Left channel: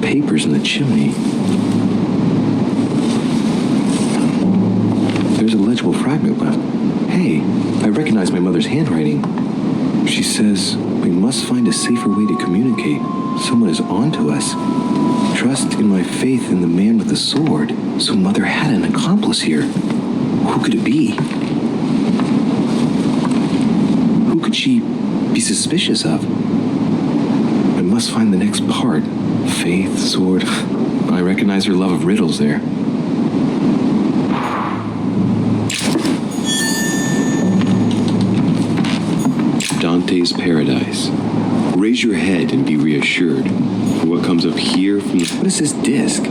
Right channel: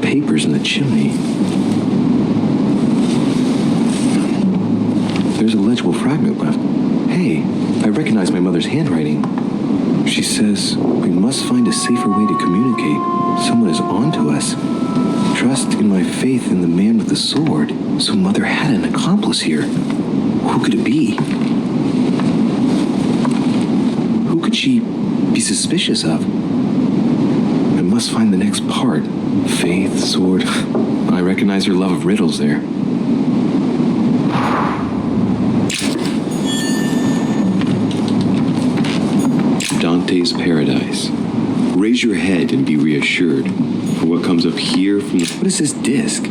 Papers in the chimney. There's a legible fragment left. Hey, I recognize my mother's handwriting. She says, we must find a safer way to communicate. Someone is on to us. Trust in my faith in the man with the sword. So Mother had an accomplice here. Who could it be? Who could she be suspicious of? I must find the next part. Faith, sword. I recognize her love of riddles there. Dante's Paradise. Raise your head and be reassured. For what comes up here from the... What is this disc?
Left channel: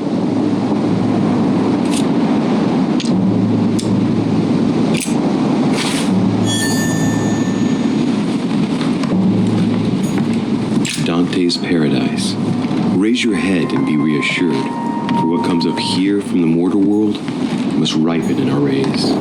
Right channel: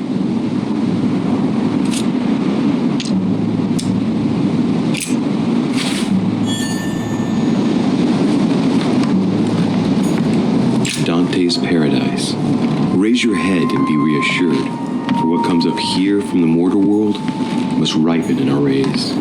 Dante's Paradise. Raise your head and be reassured. For what comes up here from the mortal world must ripen in our rays.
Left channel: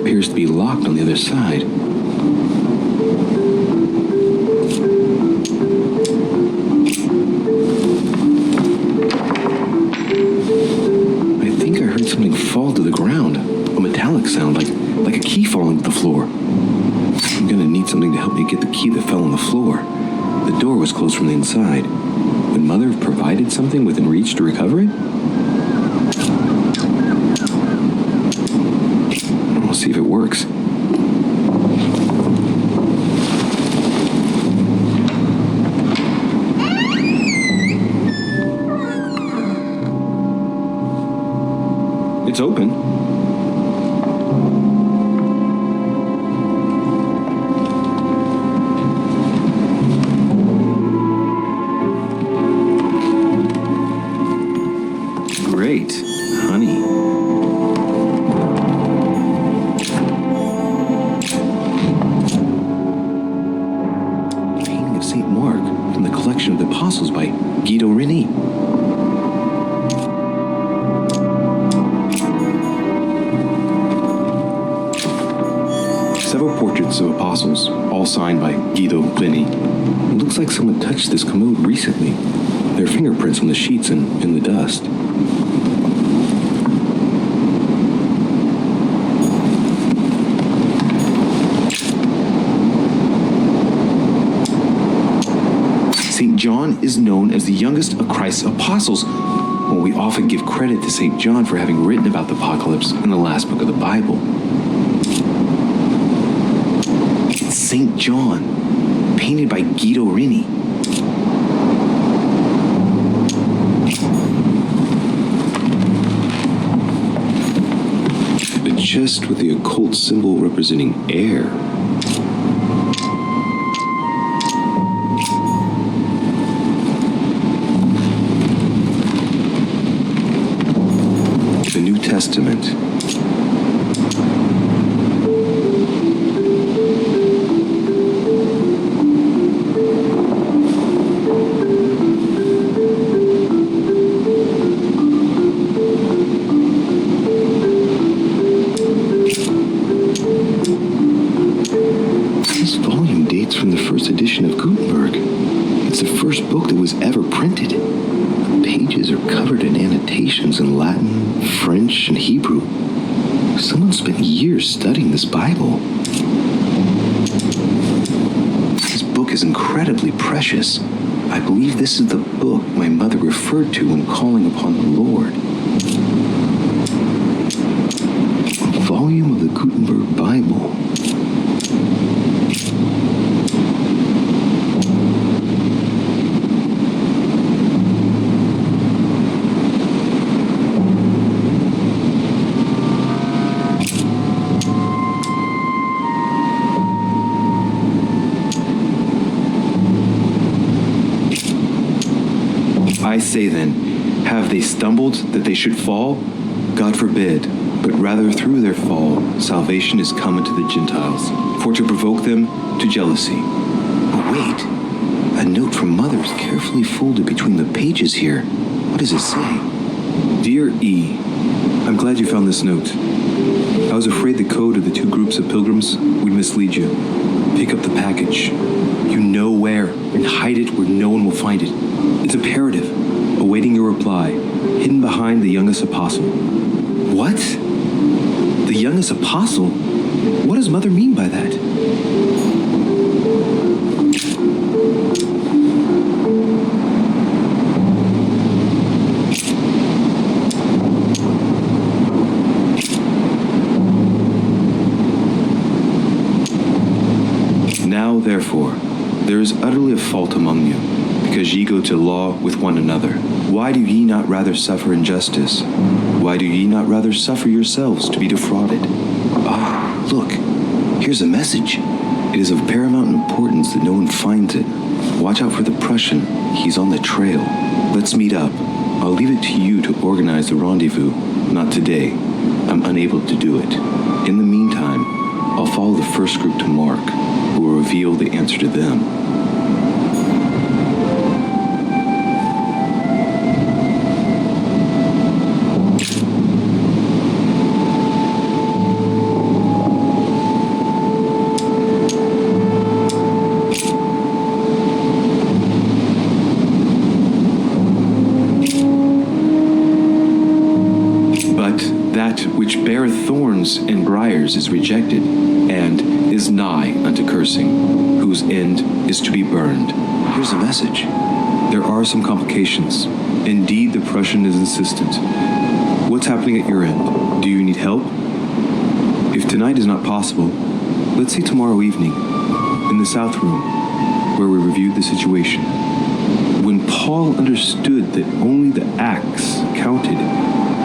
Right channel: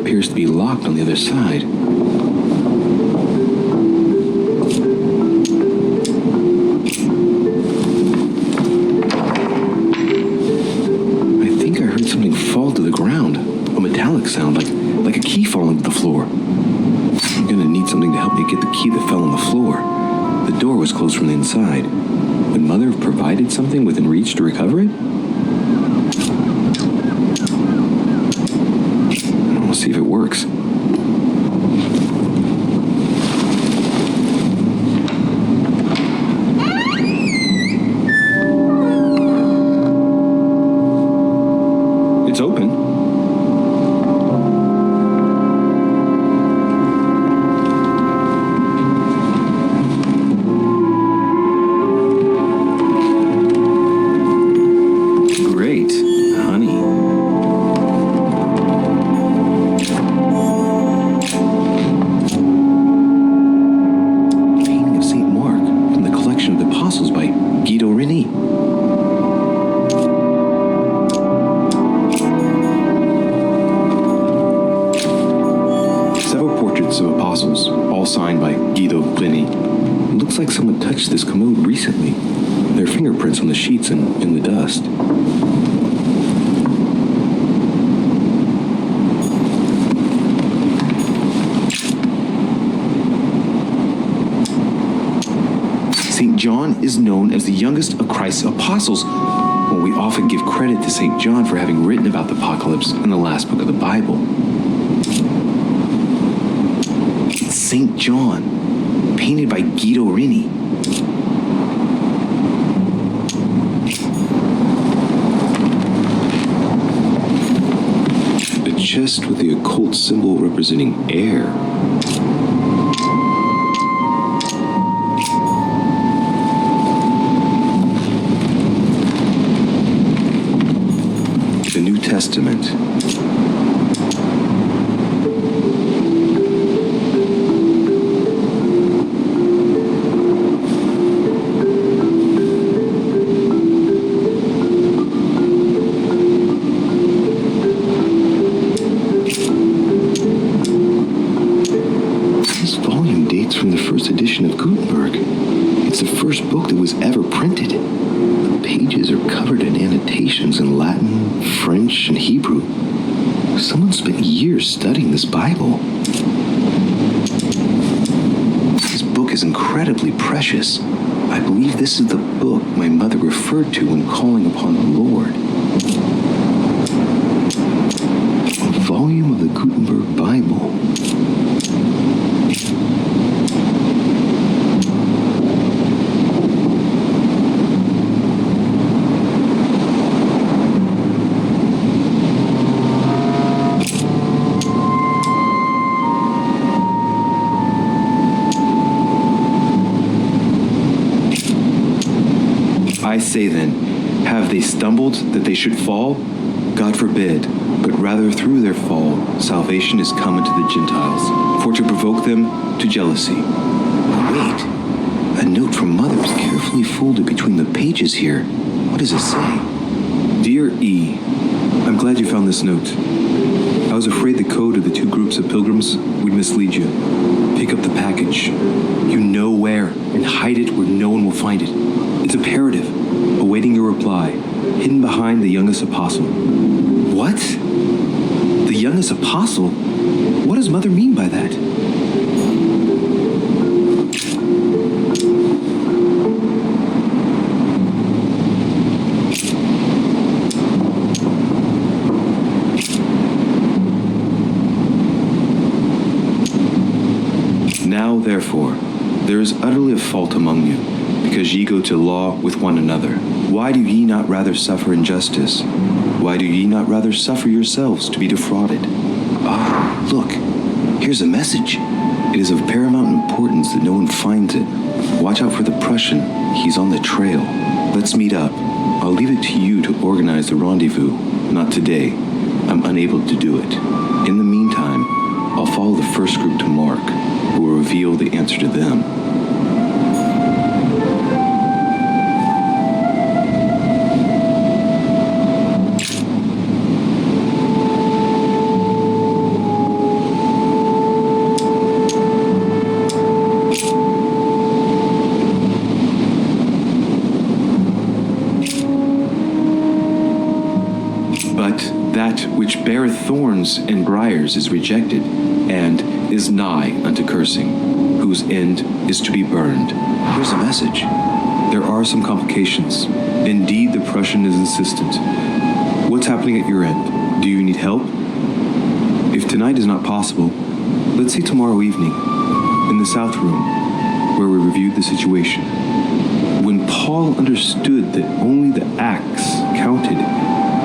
Appears to be locked on the other side. I think I heard something fall to the ground. A metallic sound, like a key falling to the floor. I'm gonna need something to help me get the key that fell on the floor. The door was closed from the inside. Would Mother have provided something within reach to recover it? We'll see if it works. It's open. Great. Honey. Painting of St. Mark from the collection of the Apostles by Guido Reni. Several portraits of apostles, all signed by Guido Reni. It looks like someone touched this commode recently. There are fingerprints on the sheets and in the dust. St. John is known as the youngest of Christ's apostles. Well, we often give credit to St. John for having written about the apocalypse in the last book of the Bible. It's St. John, painted by Guido Reni. A chest with the occult symbol representing air. The New Testament. This volume dates from the first edition of Gutenberg. It's the first book that was ever printed. The pages are covered in annotations in Latin, French, and Hebrew. Someone spent years studying this Bible. This book is incredibly precious. I believe this is the book my mother referred to when calling upon the Lord. A volume of the Gutenberg Bible. I say then, have they stumbled that they should fall? God forbid, but rather through their fall, salvation is come unto the Gentiles, for to provoke them to jealousy. But wait, a note from Mother is carefully folded between the pages here. What does it say? Dear E, I'm glad you found this note. I was afraid the code of the two groups of pilgrims would mislead you. Pick up the package. You know where, and hide it where no one will find it. It's imperative, awaiting your reply, hidden behind the youngest apostle. What? The youngest apostle? What does Mother mean by that? Now, therefore, there is utterly a fault among you, because ye go to law with one another. Why do ye not rather suffer injustice? Why do ye not rather suffer yourselves to be defrauded? Ah, look, here's a message. It is of paramount importance that no one finds it. Watch out for the Prussian. He's on the trail. Let's meet up. I'll leave it to you to organize the rendezvous. Not today. I'm unable to do it. In the meantime, I'll follow the first group to Mark, who will reveal the answer to them. But that which beareth thorns and briars is rejected, and is nigh unto cursing, whose end is to be burned. Here's a message. There are some complications. Indeed, the Prussian is insistent. What's happening at your end? Do you need help? If tonight is not possible, let's see tomorrow evening, in the South Room, where we reviewed the situation. When Paul understood that only the acts counted,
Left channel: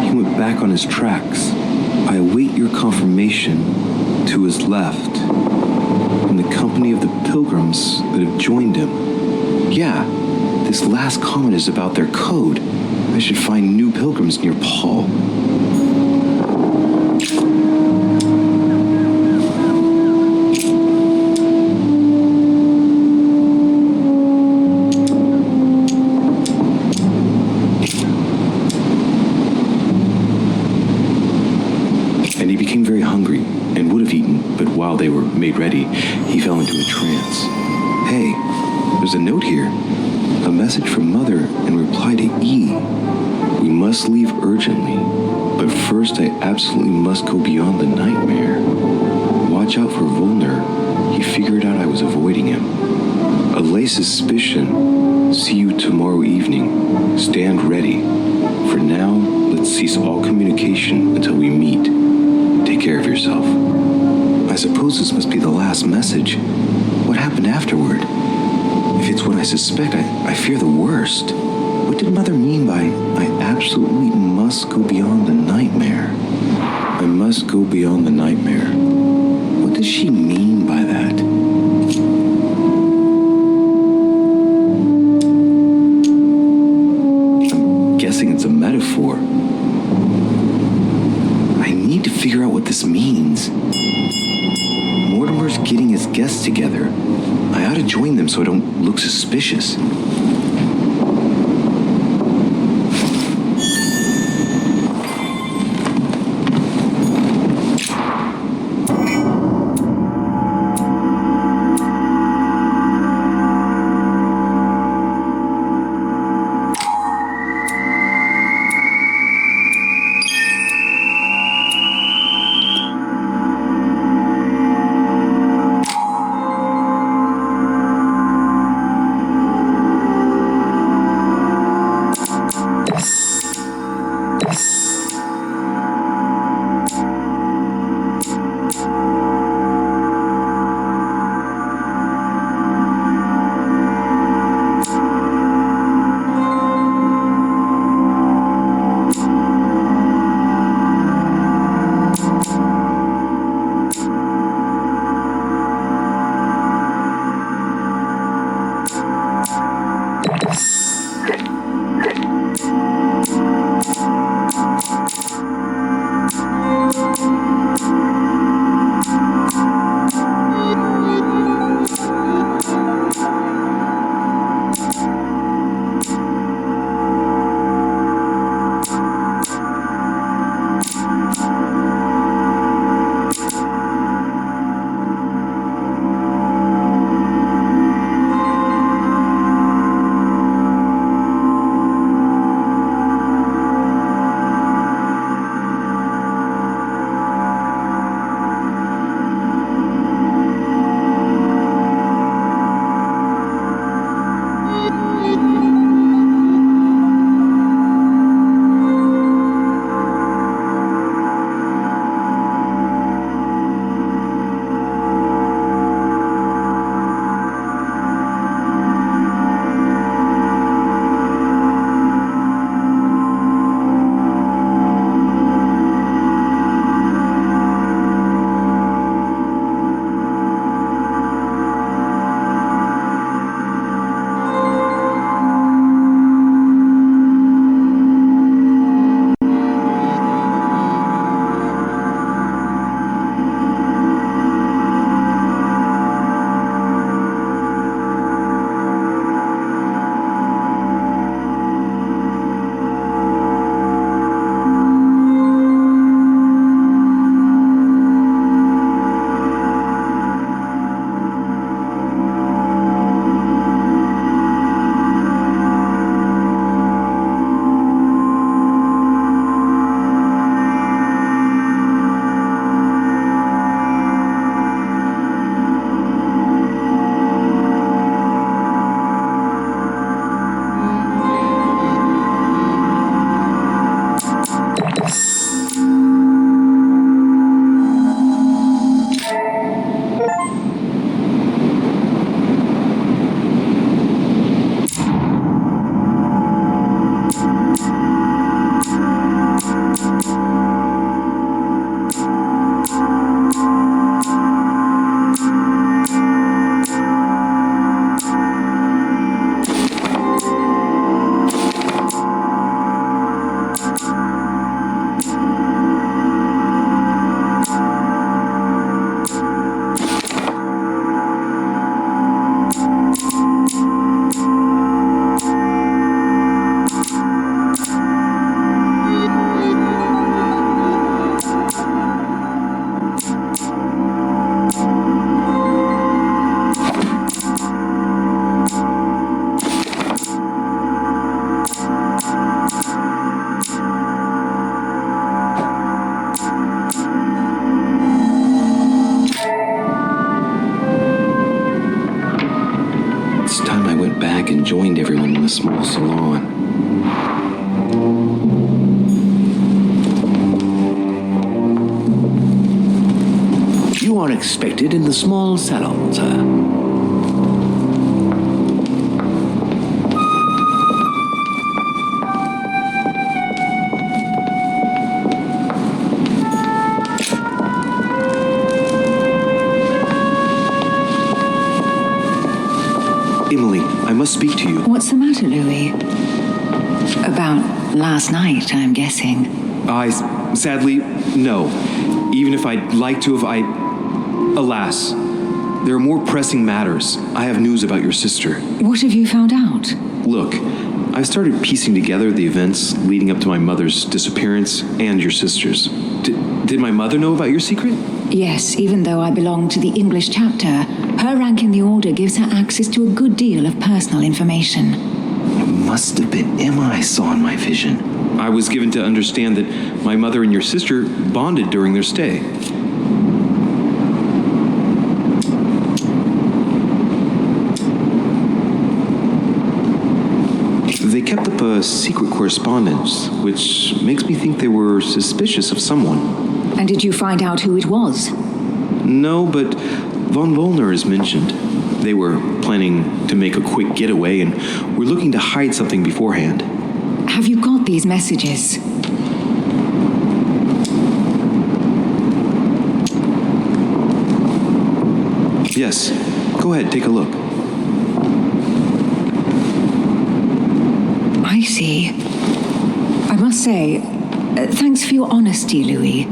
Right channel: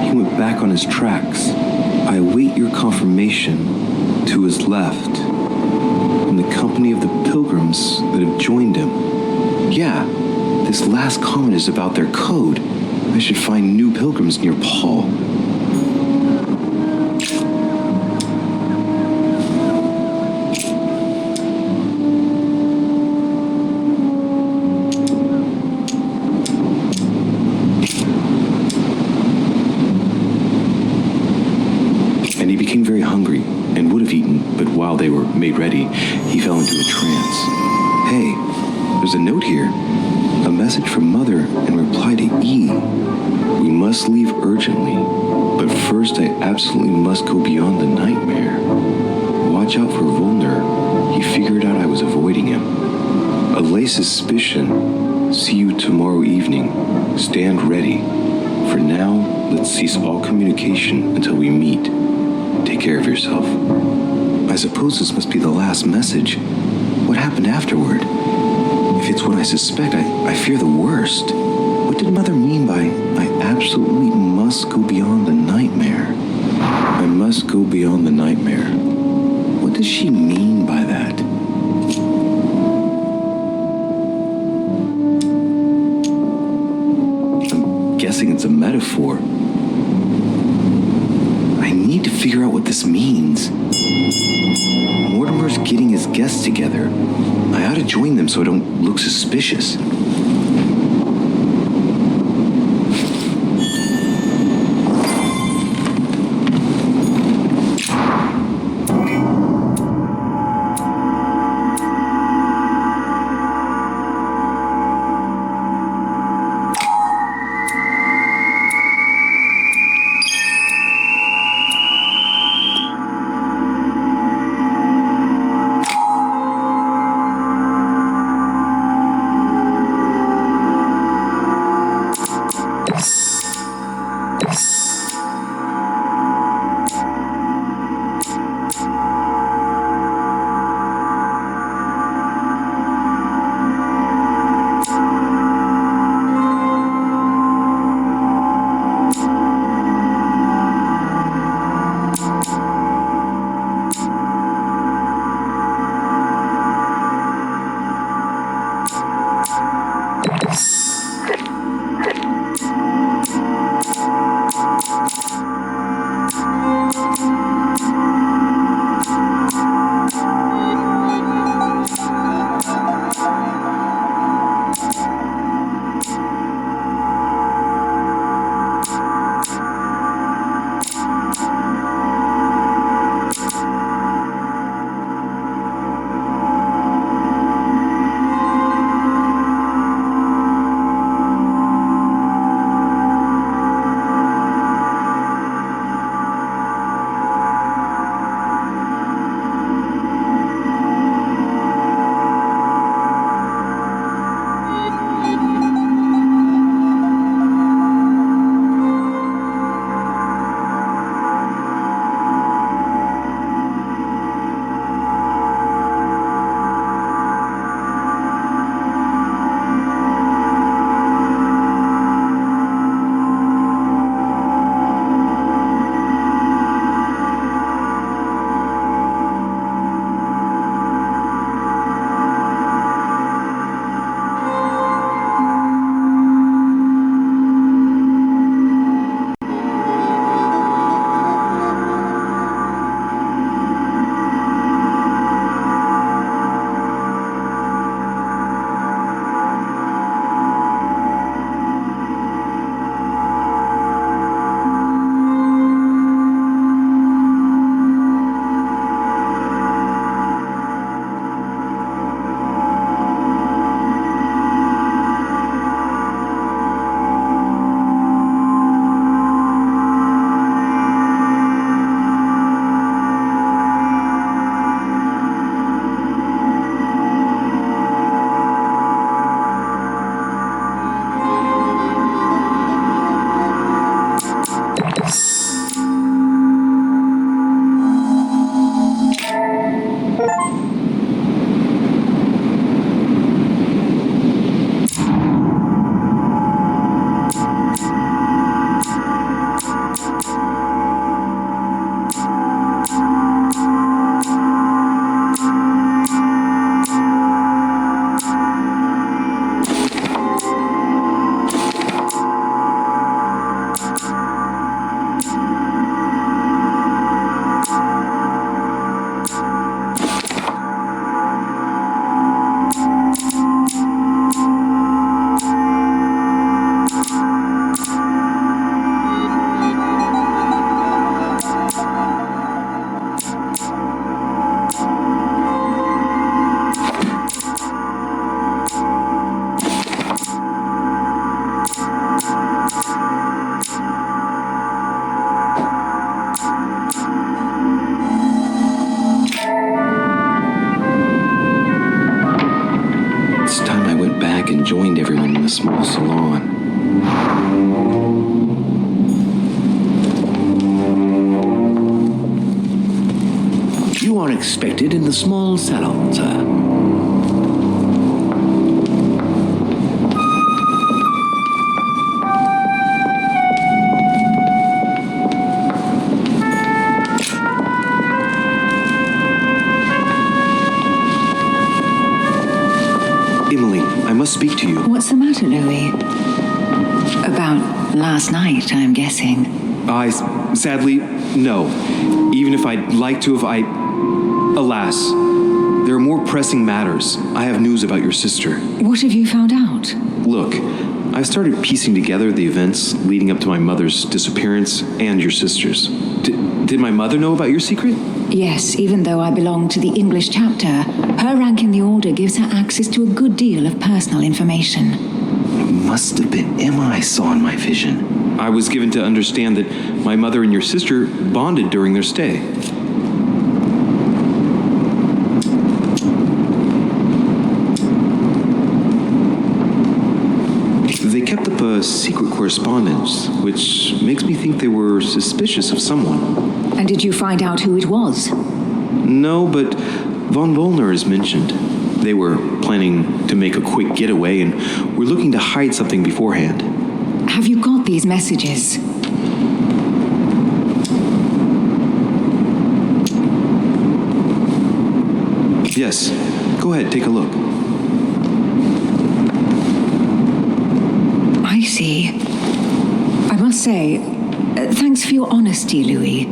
He went back on his tracks. I await your confirmation to his left, in the company of the pilgrims that have joined him. Yeah, this last comment is about their code. I should find new pilgrims near Paul. And he became very hungry and would have eaten, but while they were made ready, he fell into a trance. Hey, there's a note here. A message from Mother in reply to E. We must leave urgently, but first I absolutely must go beyond the nightmare. Watch out for Volner. He figured out I was avoiding him. Allay suspicion. See you tomorrow evening. Stand ready. For now, let's cease all communication until we meet. Take care of yourself. I suppose this must be the last message. What happened afterward? If it's what I suspect, I fear the worst. What did Mother mean by, I absolutely must go beyond the nightmare? I must go beyond the nightmare. What does she mean by that? I'm guessing it's a metaphor. I need to figure out what this means. Mortimer's getting his guests together. I ought to join them so I don't look suspicious. It's time I went back and joined everyone in the small salon. You are expected in the small salon, sir. Emily, I must speak to you. What's the matter, Louis? About last night, I'm guessing. Sadly, no. Even if I'd like to alas, there are more pressing matters. I have news about your sister. What have you found out? Look, I've started piecing together the events leading up to my mother's disappearance and your sister's. Did my mother know about your secret? Yes, even though I belong to the English chapter, her rank in the order gives her access to a good deal of personal information. It must have been Emma I saw in my vision. I was given to understand that my mother and your sister bonded during their stay. They kept up a secret correspondence, which makes me think they were suspicious of someone. And did you find out who it was? No, but von Wollner is mentioned. They were planning to make a quick getaway and were looking to hide something beforehand. Have you got these messages? Yes. Go ahead, take a look. I see. I must say, thanks for your honesty, Louis.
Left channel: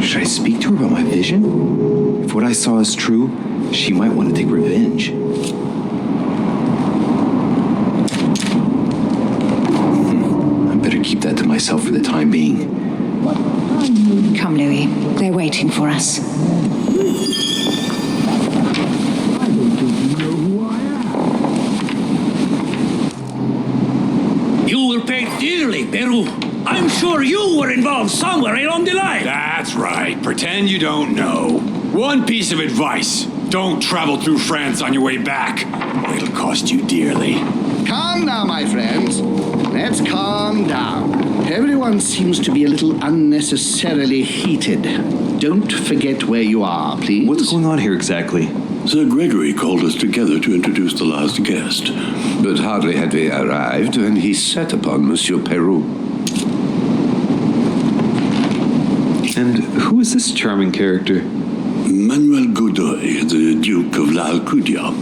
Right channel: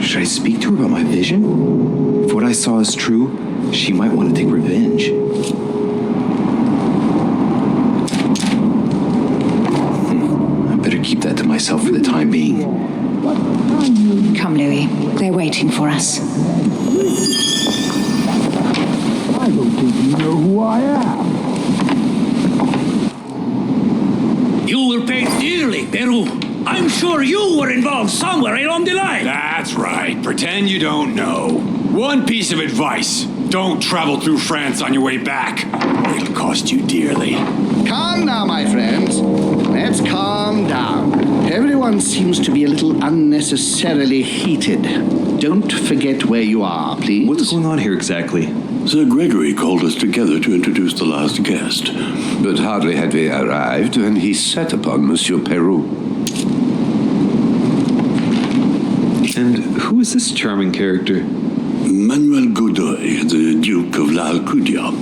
Should I speak to her about my vision? If what I saw is true, she might want to take revenge. I better keep that to myself for the time being. Come, Louis. They're waiting for us. I don't think you know who I am. You will pay dearly, Peru. I'm sure you were involved somewhere along the line. That's right. Pretend you don't know. One piece of advice. Don't travel through France on your way back, or it'll cost you dearly. Calm now, my friends. Let's calm down. Everyone seems to be a little unnecessarily heated. Don't forget where you are, please. What's going on here exactly? Sir Gregory called us together to introduce the last guest. But hardly had we arrived when he set upon Monsieur Peru. And who is this charming character? Manuel Godoy, the Duke of La Alcudia.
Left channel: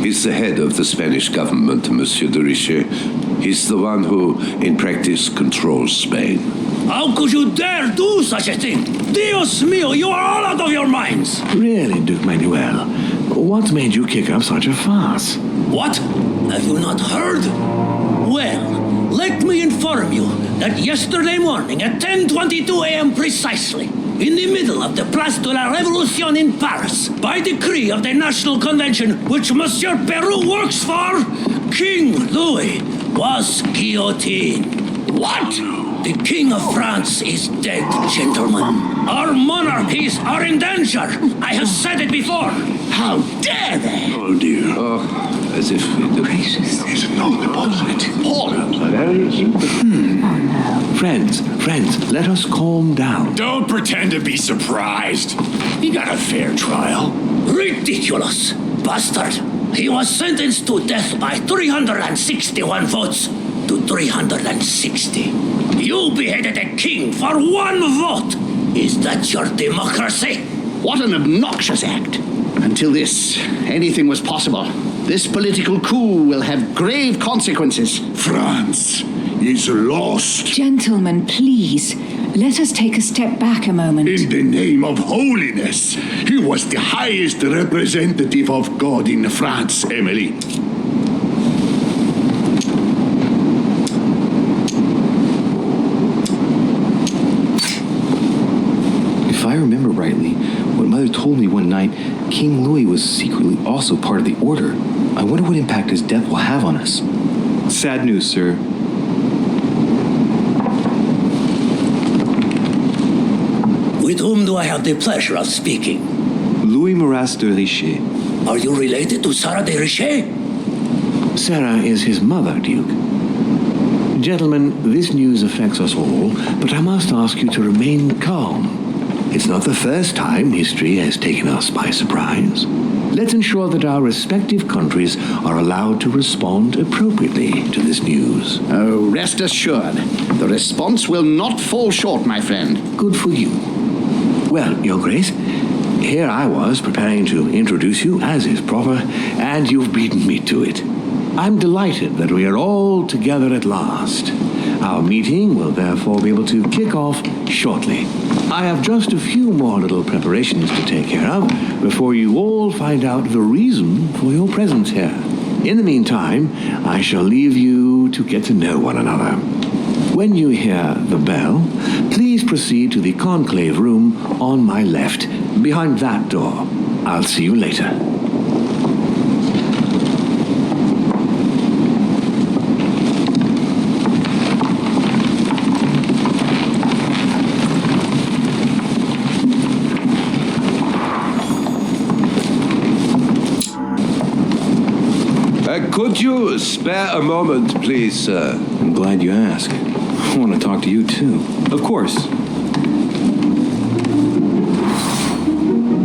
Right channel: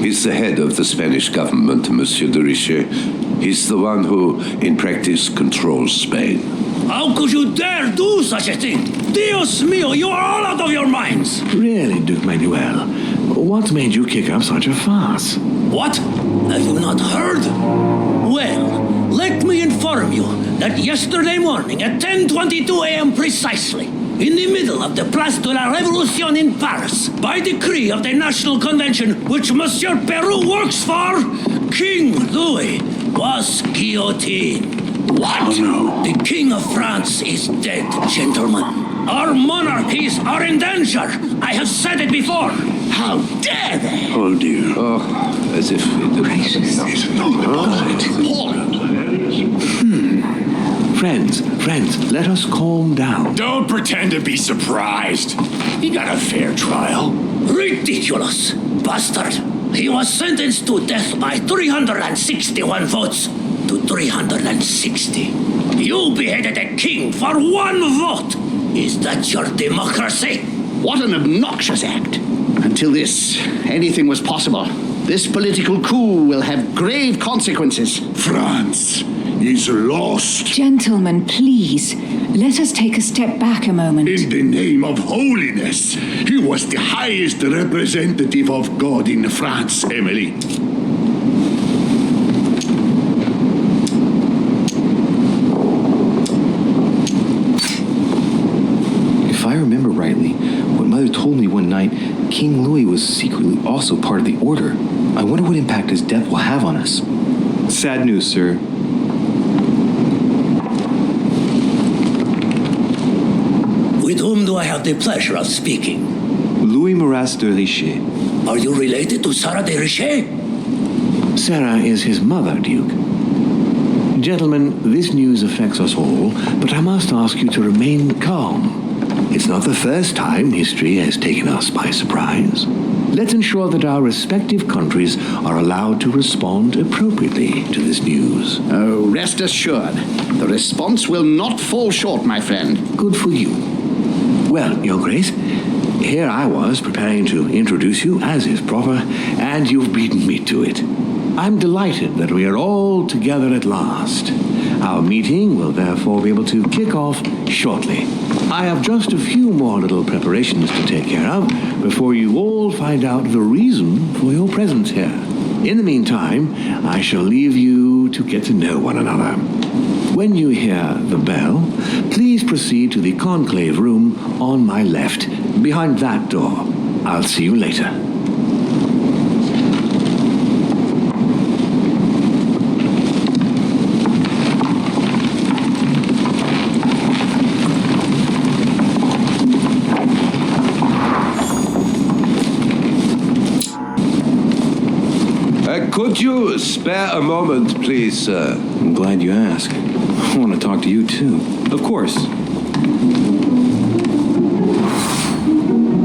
He's the head of the Spanish government, Monsieur de Richet. He's the one who, in practice, controls Spain. How could you dare do such a thing? Dios mío, you are all out of your minds. Really, Duke Manuel? What made you kick up such a fuss? What? Have you not heard? Well, let me inform you that yesterday morning at 10:22 a.m. precisely, in the middle of the Place de la Révolution in Paris, by decree of the National Convention which Monsieur Peru works for, King Louis was guillotined. What? The King of France is dead, gentlemen. Our monarchies are in danger. I have said it before. How dare they? Oh, dear. Oh, as if it... Gracious. It's not Friends, let us calm down. Don't pretend to be surprised. He got a fair trial. Ridiculous. Bastard. He was sentenced to death by 361 votes to 360. You beheaded a king for one vote. Is that your democracy? What an obnoxious act. Until anything was possible. This political coup will have grave consequences. France is lost. Gentlemen, please, let us take a step back a moment. In the name of holiness. He was the highest representative of God in France, Emily. If I remember rightly, what Mother told me one night, King Louis was secretly also part of the Order. I wonder what impact his death will have on us. Sad news, sir. With whom do I have the pleasure of speaking? Louis Maras de Richet. Are you related to Sarah de Richet? Sarah is his mother, Duke. Gentlemen, this news affects us all, but I must ask you to remain calm. It's not the first time history has taken us by surprise. Let's ensure that our respective countries are allowed to respond appropriately to this news. Oh, rest assured, the response will not fall short, my friend. Good for you. Well, Your Grace, here I was preparing to introduce you as is proper, and you've beaten me to it. I'm delighted that we are all together at last. Our meeting will therefore be able to kick off shortly. I have just a few more little preparations to take care of before you all find out the reason for your presence here. In the meantime, I shall leave you to get to know one another. When you hear the bell, please proceed to the conclave room on my left, behind that door. I'll see you later. Could you spare a moment, please, sir? I'm glad you asked. I want to talk to you, too. Of course.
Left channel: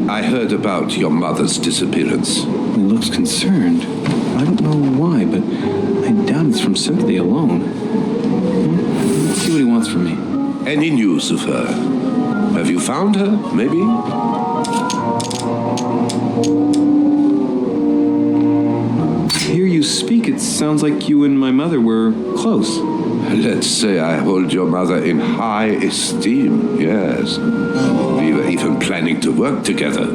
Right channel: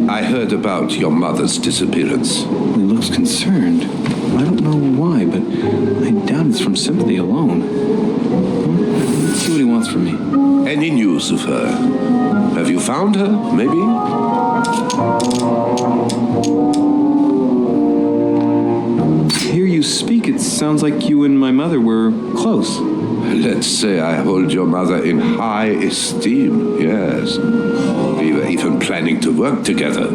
I heard about your mother's disappearance. He looks concerned. I don't know why, but I doubt it's from sympathy alone. Well, let's see what he wants from me. Any news of her? Have you found her, maybe? Hear you speak, it sounds like you and my mother were close. Let's say I hold your mother in high esteem, yes. We were even planning to work together.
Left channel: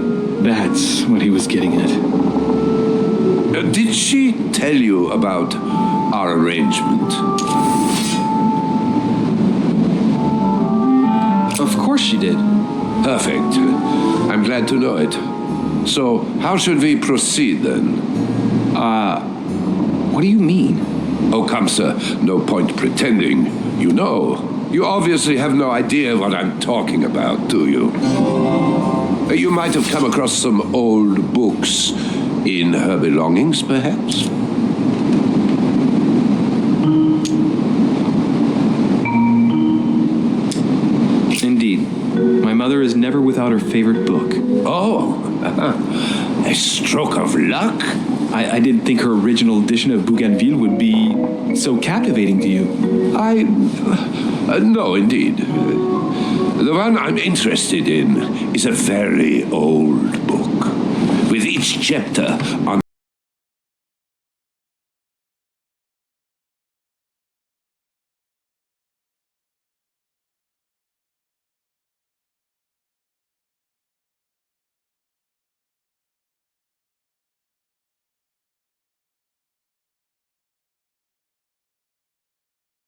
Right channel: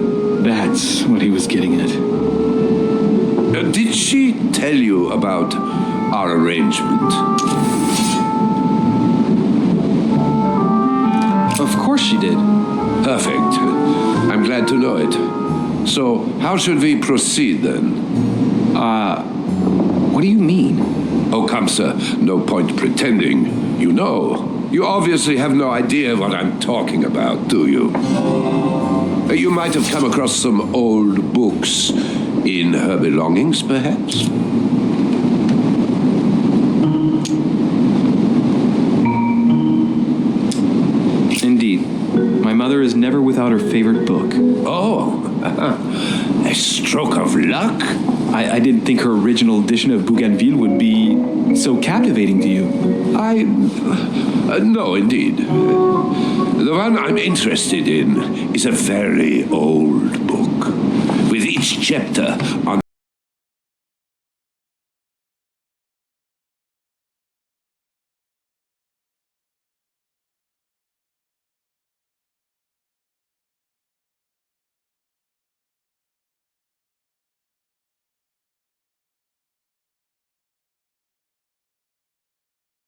That's what he was getting at. Did she tell you about our arrangement? Of course she did. Perfect. I'm glad to know it. So, how should we proceed then? What do you mean? Oh, come, sir. No point pretending. You know. You obviously have no idea what I'm talking about, do you? You might have come across some old books in her belongings, perhaps? Indeed. My mother is never without her favorite book. Oh, a stroke of luck? I didn't think her original edition of Bougainville would be so captivating to you. No, indeed. The one I'm interested in is a very old book, with each chapter on